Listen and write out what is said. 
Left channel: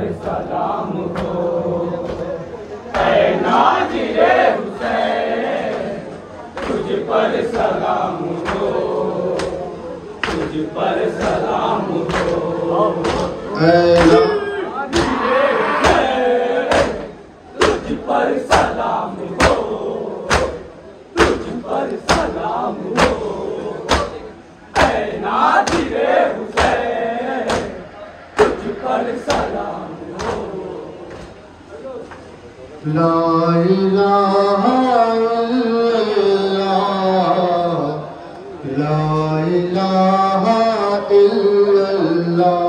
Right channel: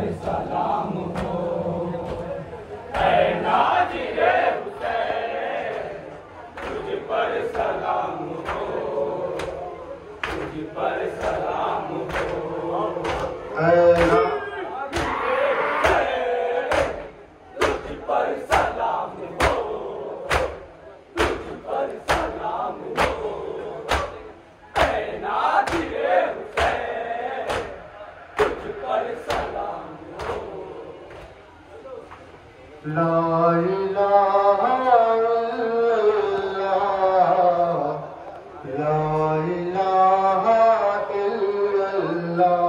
पर सलाम हो। ऐ नाज़िरे हुसैन तुझ पर सलाम हो, तुझ पर सलाम हो। ऐ नाज़िरे हुसैन तुझ पर सलाम हो, तुझ पर सलाम हो। ऐ नाज़िरे हुसैन तुझ पर सलाम हो। ला इलाहा इल्लल्लाह, ला इलाहा इल्लल्लाह।